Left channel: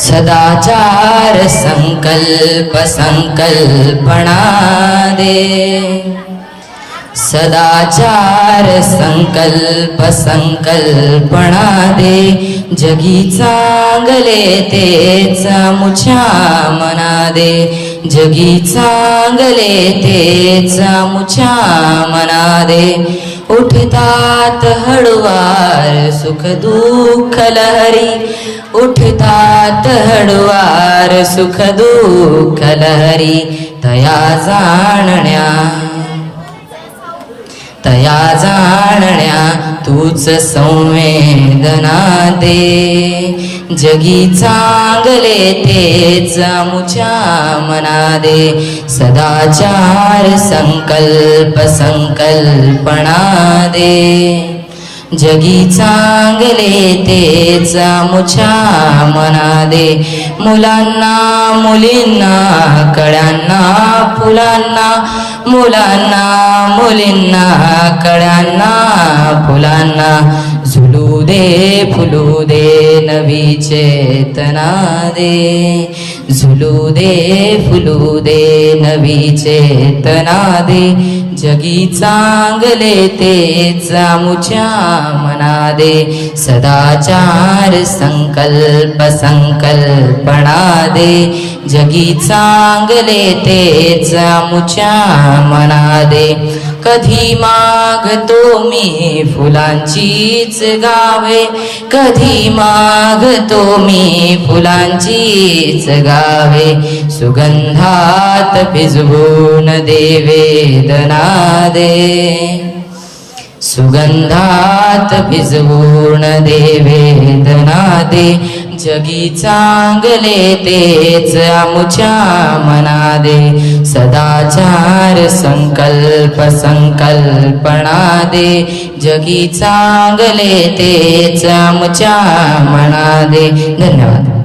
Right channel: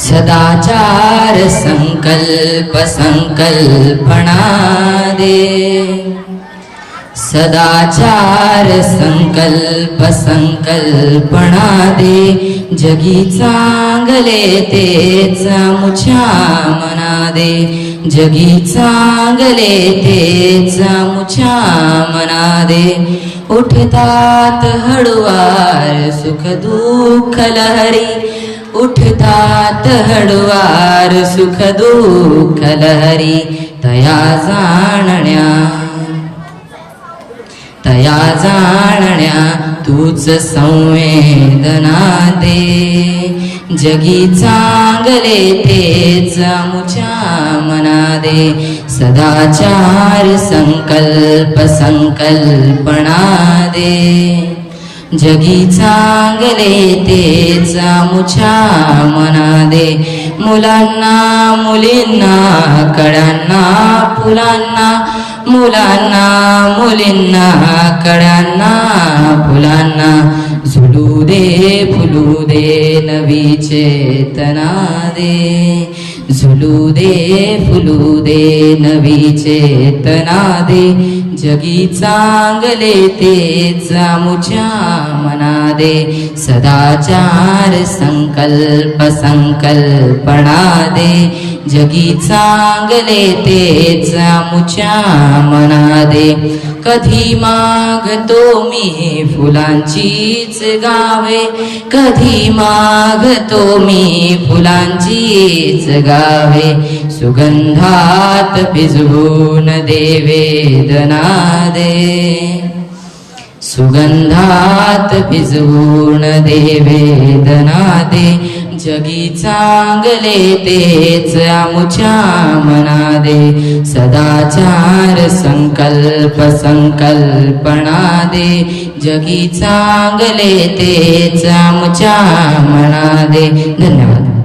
सदाचार संकल्प संकल्पना दे, सदाचार संकल्प संकल्पना दे, जगी चांगले तेच मुछा मना दे, जगी चांगले तेच मुछा मना दे. उठतात हळुवार सुख दुःख लहरी, उठतात हळुवार सुख दुःख लहरी, तया जाणण्या तूच संवेदना दे, जगी चांगले तेच मुछा मना दे. सदाचार संकल्प संकल्पना दे, जगी चांगले तेच मुछा मना दे. मुलांना मुलींना कळ्यांना फुलांना, मुलांना मुलींना कळ्यांना फुलांना, झुलू दे फुलू दे नवी चेतना दे, झुलू दे फुलू दे नवी चेतना दे, जगी चांगले तेच मुछा मना दे. सदाचार संकल्प संकल्पना दे, जगी चांगले तेच मुछा मना दे. कधी मागतो मी फुलांचीच गावे, कधी मागतो मी फुलांचीच गावे, सुगंधात भिजवून दे वेदना दे, सुगंधात भिजवून दे वेदना दे, जगी चांगले तेच मुछा मना दे. सदाचार संकल्प संकल्पना दे, जगी चांगले तेच मुछा मना दे. धन्यवाद.